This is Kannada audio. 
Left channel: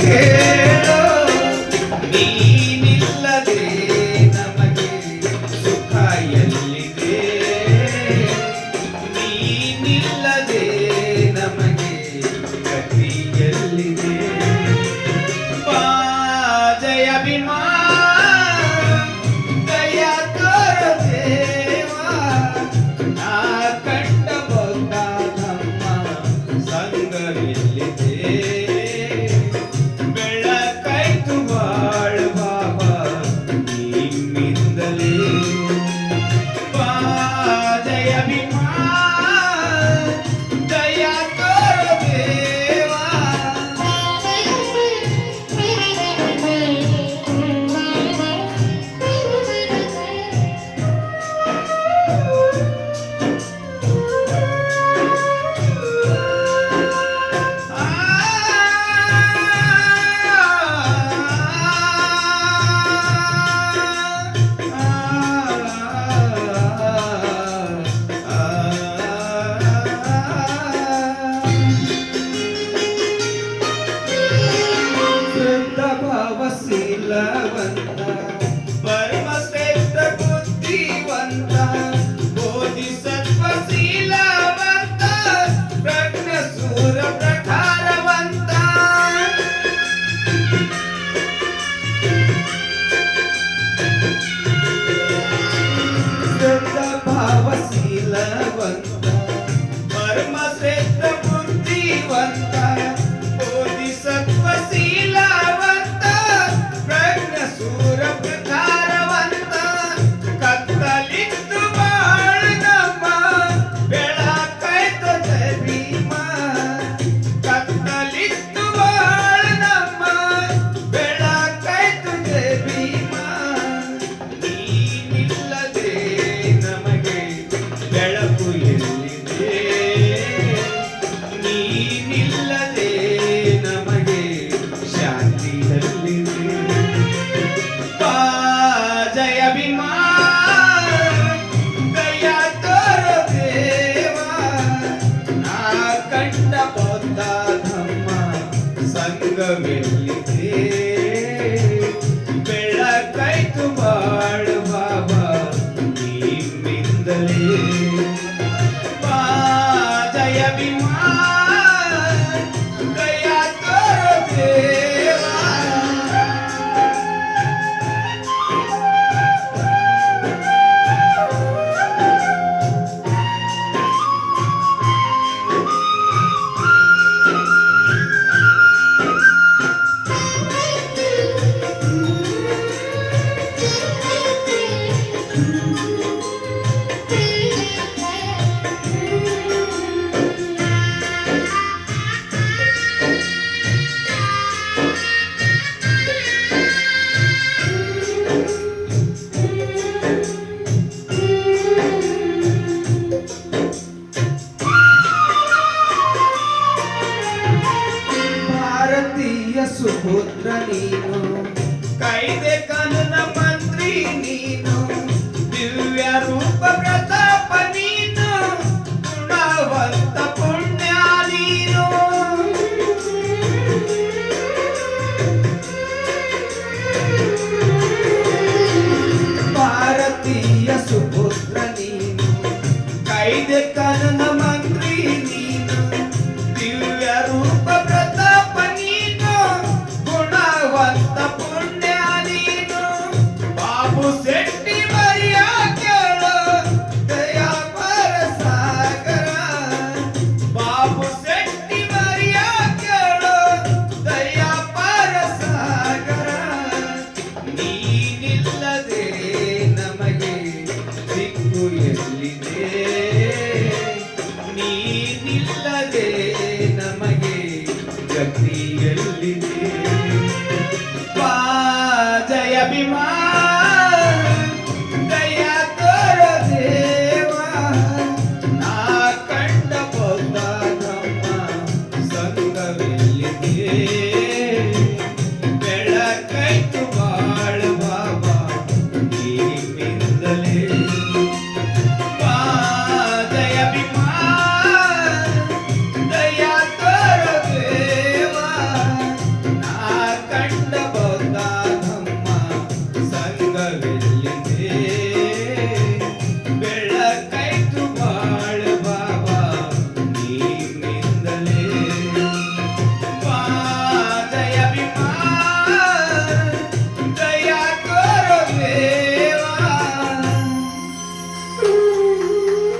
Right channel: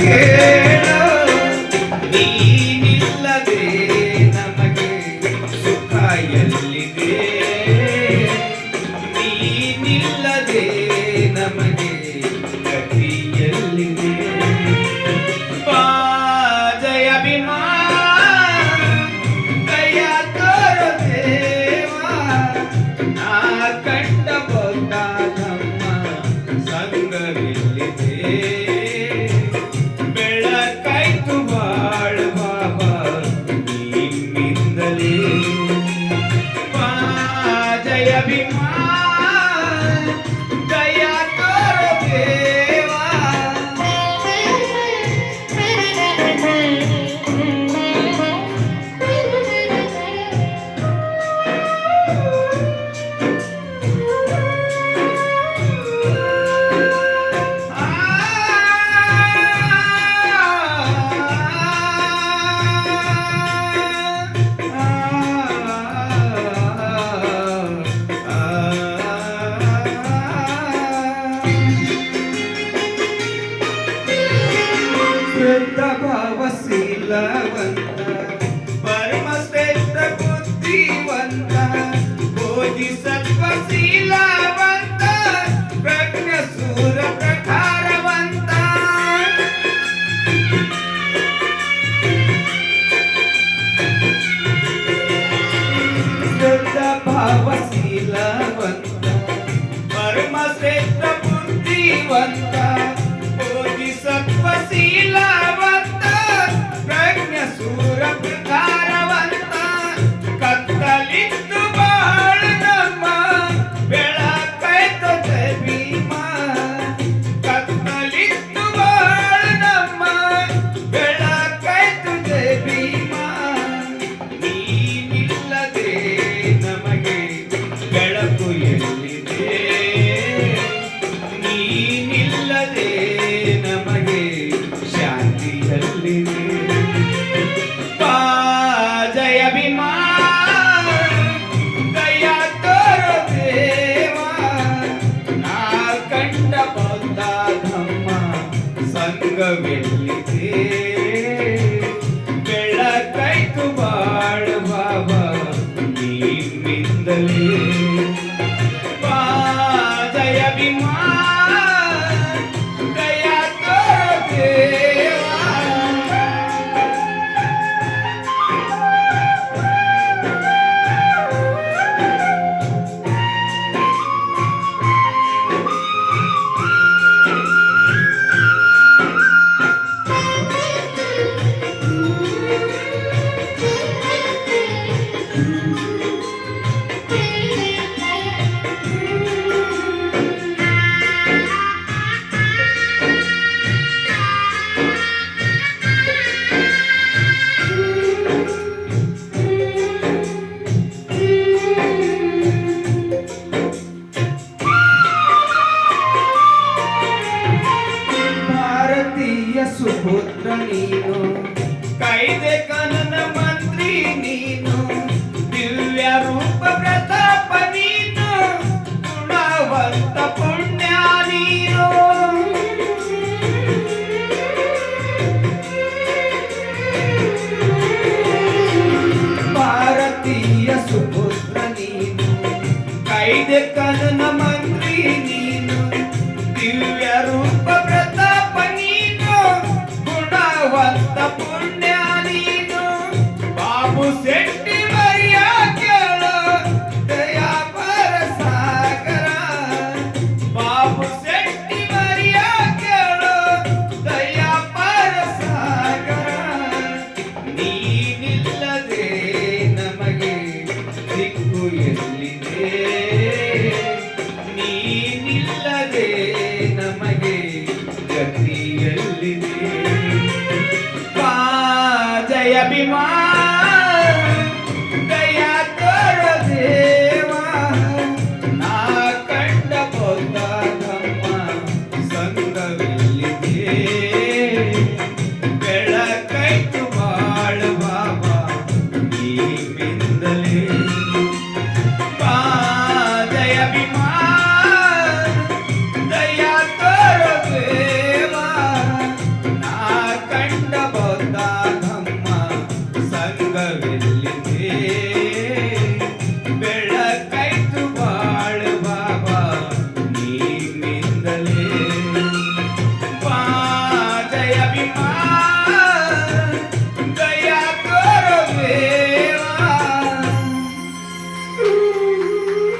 ಕೇಳೋ ನೀನಿಲ್ಲದೆ ನಮಗೆ ಸುಖ ಎಲ್ಲಿದೆ ನೀನಿಲ್ಲದೆ ನಮಗೆ ಗತಿ ಎಲ್ಲಿದೆ ಬಾ ಜಯ ಭೀಮಾ ದಯ ತೋರು ದೇವಾ ನಾ ಕಂಡ ಬೌದ್ಧ ಧಮ್ಮ ಸಂಗವಿಲ್ಲಿದೆ ಬೆಳಕಾಯ್ತು ಬಾಳ ಬಾಬಾ ನಿಮ್ಮಿಂದಲೇ ಬಾ ಜಯ ಭೀಮಾ ದಯ ತೋರು ದೇವಾ ಭಾವಶೀಲವಂತ ಪರಮಶ್ರೇಷ್ಠ ಬುದ್ಧಿವಂತ ಬೋಧಿಸತ್ವ ಶೀಲವಂತ ಪ್ರಜ್ಞಸೂರ ಪ್ರಕಾರವಂತ ಶುದ್ಧ ಭಾವಶೀಲವಂತ ಪರಮಶ್ರೇಷ್ಠ ಬುದ್ಧಿವಂತ ಬೋಧಿಸತ್ವ ಶೀಲವಂತ ಪ್ರಜ್ಞಸೂರ ಪ್ರಕಾರವಂತ ಕತ್ತಲಿತ್ತು ಬಾಳ ನಮ್ಮ ಬೆಳಕಾಯ್ತ ಜಯ ಭೀಮಾ ಕತ್ತಲಿತ್ತು ಬಾಳ ನಮ್ಮ ಬೆಳಕಾಯ್ತ ಜಯ ಭೀಮಾ ನೀನಿಲ್ಲದೆ ನಮಗೆ ಬೆಳಕು ಎಲ್ಲಿದೆ ನೀನಿಲ್ಲದೆ ನಮಗೆ ಶಾಂತಿ ಎಲ್ಲಿದೆ ಬಾ ಜಯ ಭೀಮಾ ದಯ ತೋರು ದೇವಾ ನಾ ಕಂಡ ಬೌದ್ಧ ಧಮ್ಮ ಸಂಗವೆಲ್ಲಿದೆ ಬೆಳಕಾಯ್ತು ಬಾಳ ಬಾಬಾ ನಿಮ್ಮಿಂದಲೇ ಬಾ ಜಯ ಭೀಮಾ ದಯ ತೋರು ದೇವಾ ಭಾರತೀಯ ಸುಪುತ್ರ ನೀನು ಕೈದೆ ಕನನ ಮಂತ್ರಿ ನೀನು ದಿವ್ಯ ರೂಪ ಪ್ರತಾಪ ನೀನು ಗುಣವಂತ ಪುಣ್ಯ ನೀನು ಭಾರತೀಯ ಸುಪುತ್ರ ನೀನು ಕೈದೆ ಕನನ ಮಂತ್ರಿ ನೀನು ದಿವ್ಯ ರೂಪ ಪ್ರತಾಪ ನೀನು ಗುಣವಂತ ಪುಣ್ಯ ನೀನು ಬಾಬು ಶೆಟ್ಟಿ ಮರಿಯ ಕೇಳು ದಯಾ ಪರ ಸಾಗರ ಬಾಬು ಶೆಟ್ಟಿ ಮರಿಯ ಕೇಳು ದಯಾ ಪರ ಸಾಗರ ನೀನಿಲ್ಲದೆ ನಮಗೆ ದಿಕ್ಕು ಎಲ್ಲಿದೆ ನೀನಿಲ್ಲದೆ ನಮಗೆ ಗತಿ ಎಲ್ಲಿದೆ ಬಾ ಜಯ ಭೀಮಾ